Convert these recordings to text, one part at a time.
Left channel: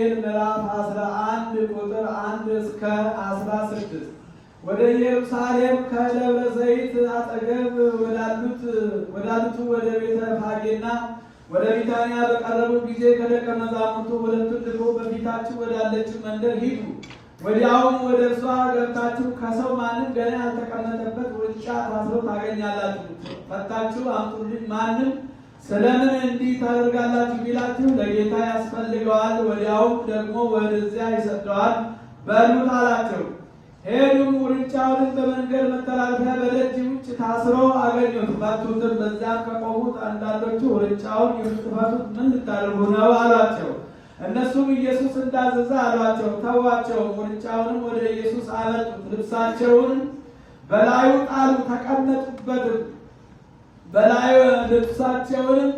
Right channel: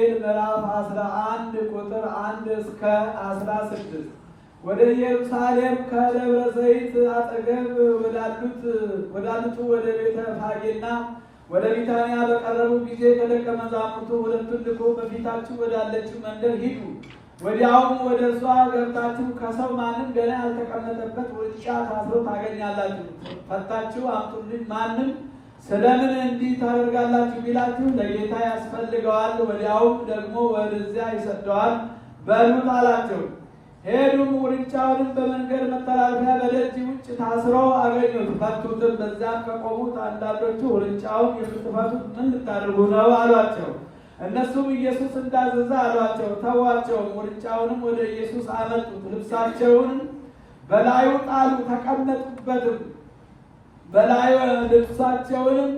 ወንጌል ምዕራፍ 11 ቁጥር 1 እስከ 16 ወደ ኢየሩሳሌም ከደብረ ዘይት አጠገብ ወዳሉት ወደ ቤተ ፋጌና ወደ ቢታንያ በቀረቡ ጊዜ ከደቀ መዛሙርቱ ሁለቱን ልኮ በፊታችሁ ወዳለችው መንደር ሂዱ፣ ወዲያውም ወደ እርሷ ገብታችሁ ከሰው ማንም ገና ያልተቀመጠበት ውርንጫ ታስሮ ታገኛላችሁ፣ ፈታችሁ አምጡልኝ። ማንም ስለምን እንዲህ ታደርጋላችሁ ቢላችሁ ለጌታ ያስፈልገዋል፣ ወዲያውም ደግሞ ወደዚያ ይሰደዋል በሉት አላቸው። ሄዱም ውርንጫውንም በመንገድ መተላለፊያ በደጅ ውጭ ታስሮ አገኙት፣ ፈቱትም። በዚያም ከቆሙት አንዳንዶቹ ውርንጫውን የምትፈቱት ምን ልታደርጉ ነው አሏቸው። እነሱም ኢየሱስ እንዳዘዘ አሏቸው። ተዋቸው። ውርንጫውንም ወደ ኢየሱስ አመጡት፣ ልብሳቸውን በላዩ ጣሉ፣ ተቀመጡበትም። ልብሳቸውንም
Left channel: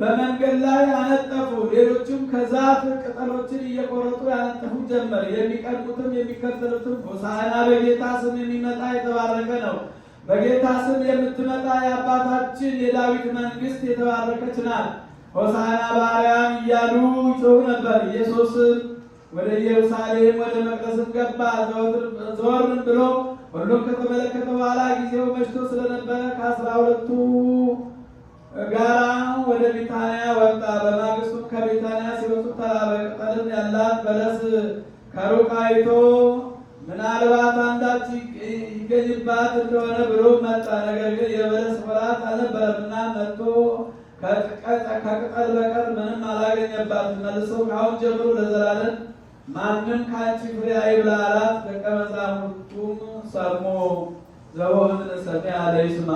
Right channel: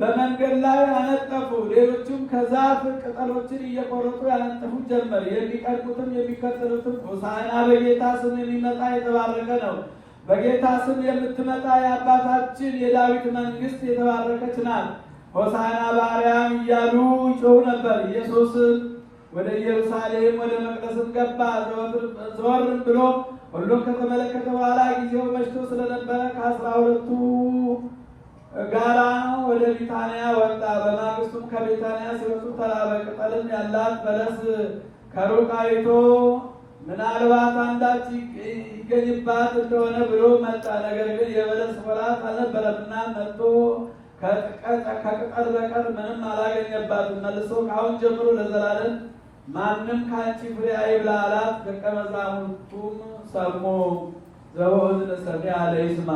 በመንገድ ላይ አነጠፉ። ሌሎችም ከዛፍ ቅጠሎችን እየቆረጡ ያነጥፉ ጀመር። የሚቀርቡትም የሚከተሉትም ሆሳዕና በጌታ ስም የሚመጣ የተባረከ ነው፣ በጌታ ስም የምትመጣ የአባታችን የዳዊት መንግሥት የተባረከች ናት፣ ሆሳዕና በአርያም እያሉ ይጮሁ ነበር። ኢየሱስም ወደ ኢየሩሳሌም ወደ መቅደስም ገባ። ዘወርም ብሎ ሁሉም ከተመለከተ በኋላ ጊዜው መሽቶ ስለነበረ ከ12ቱ ጋራ ወደ ቢታንያ ወጣ። በማግስቱም ከቢታንያ ሲወጡ ተራበ። ቅጠልም ያላት በለስ ከሩቅ አይቶ ምናልባት አንዳች ይገኝባት እንደሆነ ብሎ መጣ። ነገር ግን የበለስ ወራት አልነበረምና መጥቶ ከቅጠል በቀር ምንም አላገኘባትም። መልሶ ከአሁን ጀምሮ ለዘላለም ማንም ከአንቺ ፍሬ አይብላ አላት። ደቀ መዛሙርቱም ሰሙ። ዘወእዝነ ሰሚዐ ለይስማ